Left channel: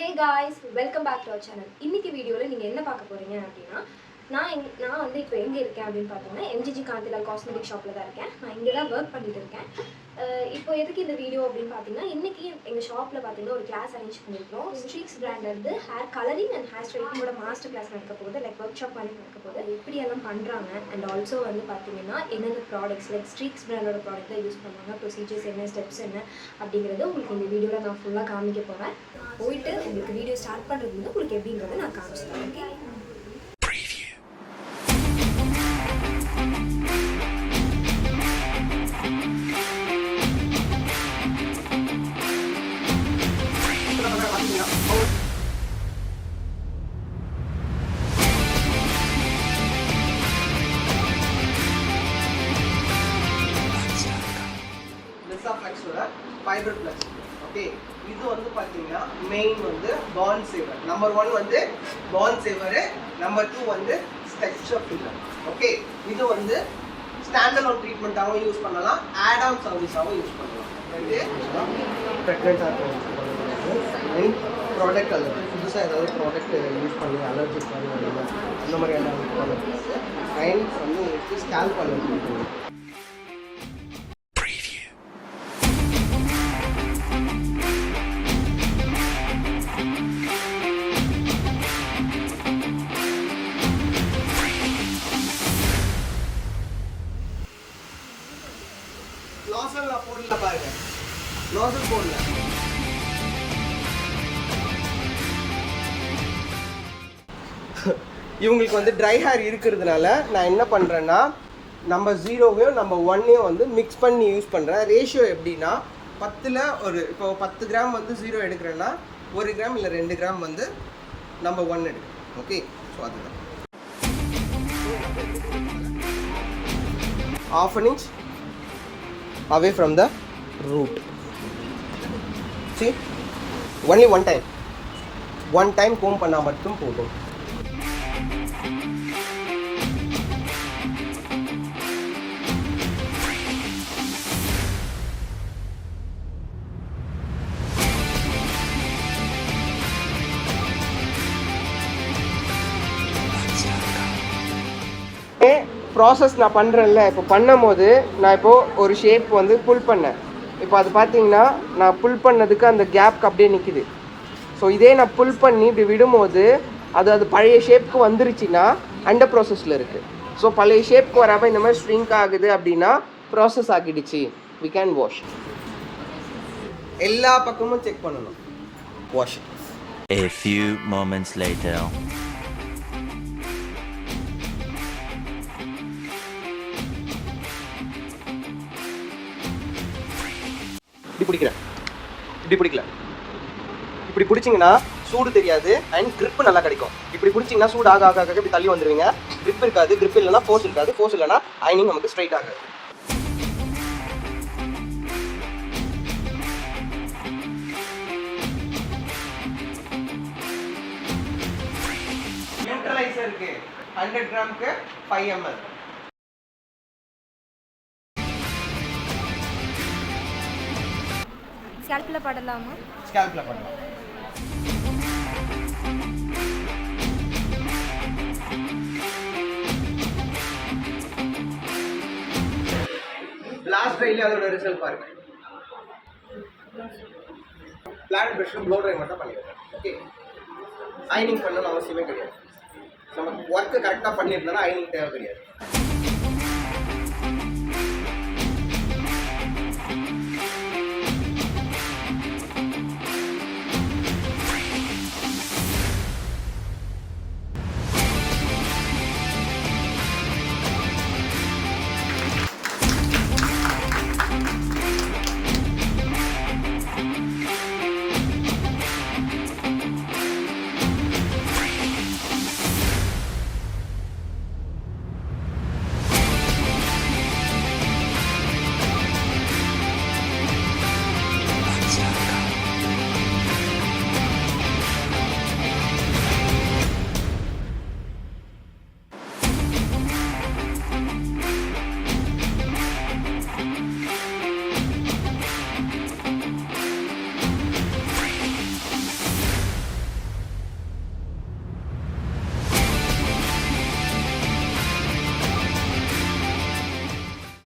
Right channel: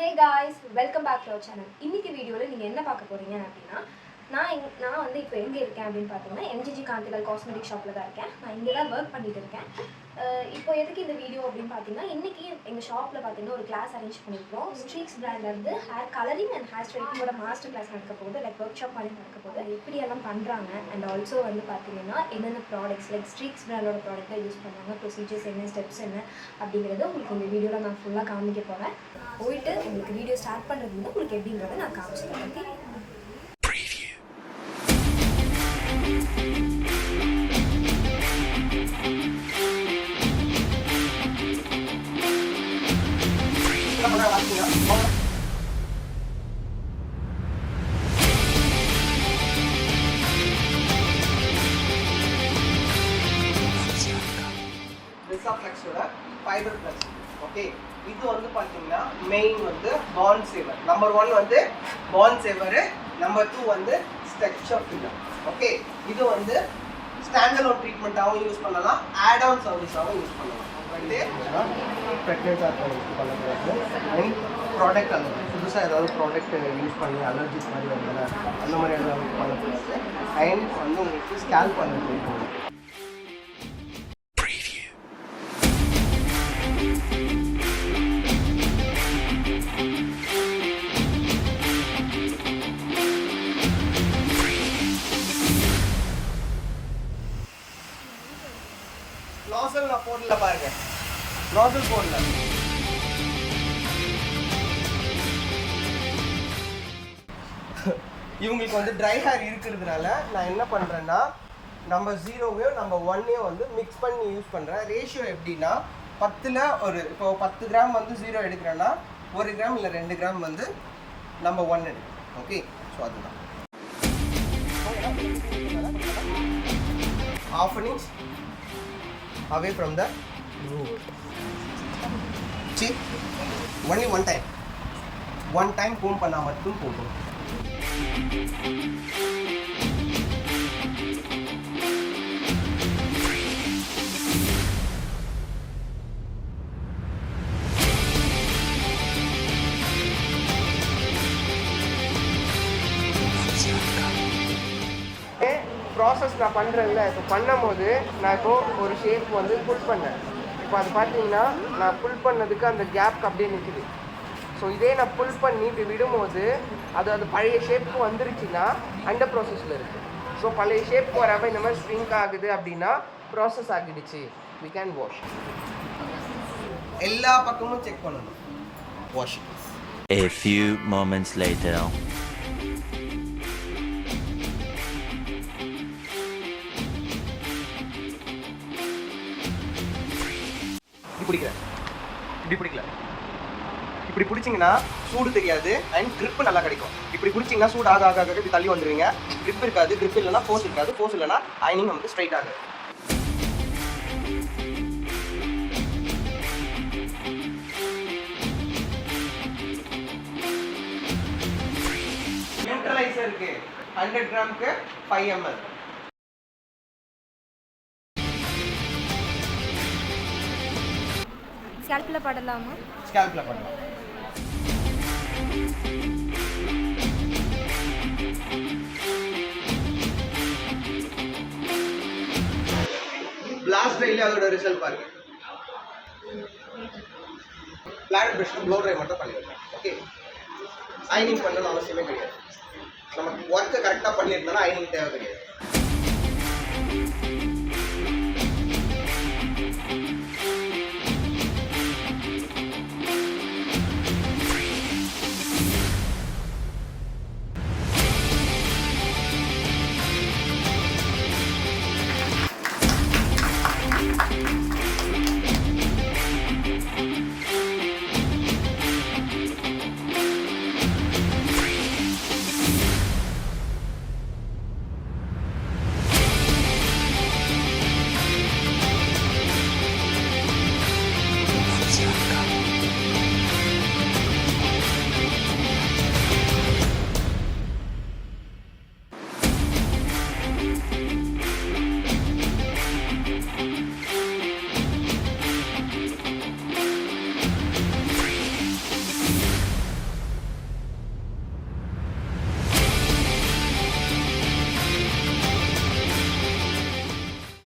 Hey guys, welcome back to our channel. இன்னைக்கு வீடியோல நீங்க என்ன பார்க்க போறீங்க அப்படினா நான் வந்து இப்போ எங்க இருக்கேன் அப்படினு பாத்தீங்கன்னா MGG காந்திலால் காஸ்மெட்டிக் ஷாப்ல தான் இருக்கேன். நான் இங்க தான் வர்க் பண்ணிட்டு இருக்கேன். இப்போ எதுக்கு இந்த வீடியோ அப்படினு பாத்தீங்கன்னா இன்னைக்கு எங்க ஷாப்ல பாத்தீங்கன்னா ஒரு கிளாஸ் அரேஞ்ச் பண்ணிருக்கோம். ஸ்ட்ரீக்ஸ் பிராண்ட்ல இருந்து ஹேர் கலரிங் அண்ட் ஹேர் ஸ்டைலிங்கோட மாஸ்டர் கிளாஸ் நடக்க போகுது. லைக் வொர்க் ஷாப் மாதிரி நடக்க போகுது. எப்படி எல்லாம் பண்றாங்க அண்ட் ஆல்சோ வந்து பாத்தீங்கன்னா என்னென்ன ப்ராடக்ட்ஸ் லைக் ஸ்ட்ரீக்ஸ் பிராண்டோட ப்ராடக்ட் தான் யூஸ் பண்ணுவாங்க, ப்ரொசீஜர்ஸ் என்ன, ஸ்டெப்ஸ் என்ன அப்படிங்கறது உங்களுக்கு இந்த வீடியோல நான் ஃபுல்லா காமிக்க போறேன். போயிட்டு உங்களுக்கு வீடியோ ஸ்டார்ட் பண்றது வந்து உங்களுக்கு எப்படிங்கறத நான் காமிச்சிட்டேன். Okay, fibre plus. ஓகே, இது வந்து பார்த்தீங்கன்னா மெயின் வந்து பாண்ட் சேவர். நம்பர் 1 வந்து பாண்ட் சேவர், நம்பர் 2 வந்து ஸ்ட்ரக்சர் ஃபில்லர். ஓகே, இது வந்து ஸ்டாண்ட் அலோன் ட்ரீட்மெண்ட்டாகவும் யூஸ் பண்ணலாம், ஆட் ஆன் சர்வீஸாகவும் யூஸ் பண்ணலாம். ப்ரெக்னெண்ட்டாக பண்ணக்கூடாது அண்ட் ப்ராடக்ட் அலர்ஜி, புதுசாக ஏதாவது ப்ராடக்ட் யூஸ் பண்ணி அலர்ஜிக் மாதிரி வரல அந்த மாதிரி ஏதாவது பண்ணக்கூடாது. அண்ட் வந்து உங்களுக்கு ஸ்கேல்ப் அலர்ஜி இருக்கும். நாசல் நான் போடல பாருங்க, நாசல் போடல. இவங்களுக்கு வந்து ட்ரை ஹேர் இருக்கிறதுனால நான் என்ன பண்ணுறேன்னா நம்ம 0வையும் நம்ம 1ஐயும் வந்து மிக்ஸ் பண்ணி யூஸ் பண்ணுறேன். ரேஷியோ எப்படின்னா 10ல் ஒரு இப்போ 10 கிராம் வந்து 0 எடுக்கிறேன்னா 1 கிராம் இல்லை 2 கிராம் வந்து நம்ம 1 எடுக்கிறோம். ஓகே, ஸோ அதுதான். ½ an inch away from the root. See, only one time comb பண்ணா மட்டும் போதும். ப்ராசஸ் நான் பண்ணுறேன்ல, இப்போ பண்ணும்போது நான் இப்போது ஒரு ஷேப் வந்து புல் பண்ணேன். இப்போ அது பார்த்தீங்கன்னா நான் புல் பண்ணதுக்கு அந்த கேப்க்கு அப்படியே நிற்கிது. ஸோ இதே நான் புல் பண்ணி இப்படி விடும்போது அது பழைய ஷேப்புக்கு வந்துருச்சுன்னா அண்டர் ப்ராசஸில் இருக்குது. ஸோ பழைய ஷேப்புக்கு வராமல் இந்த மாதிரி ஸ்ட்ரிங்க் ஆகுது அப்படின்னா ப்ராசஸ் ஆகிடுச்சு, வி கேன் வாஷ். எல்லா பக்கமும் செக் பண்ணணும். Wash. A few moments later. இப்படி பிடிச்சிங்கன்னா சூடு தெரியாது அண்ட் grip நல்லா கிடைக்கும். இப்படி பிடிச்சிங்கன்னா சூடு ஆக ஆக இப்படி தள்ளி வந்துடுவீங்க. grip இருக்காது, grip இல்லைன்னா ஃபோர்ஸ் இருக்காது, ஃபோர்ஸ் இல்லைன்னா ஐனிங் நமக்கு ஸ்ட்ரைட் ஆகாது. நியூட்ரலைசருக்கு 100 கிராமுக்கு 5 ml. ஸ்கேல்ப்ல படலாமா? ஸ்கேல்ப்ல பண்ணலாம். பிளாஸ்ட் ட்ரைல அதோட ரிசல்ட் பாருங்க. பிளாட் பிரஷ்ல ப்ளோ ட்ரை மட்டும் பண்ணிடுறேன். ஓகே, ஐனிங் பண்ணணும் அவசியமே கிடையாது. நம்ம ஒர்க்கை கரெக்டாக பண்ணியிருந்தோம்னா ஐனிங் தேவை கிடையாது.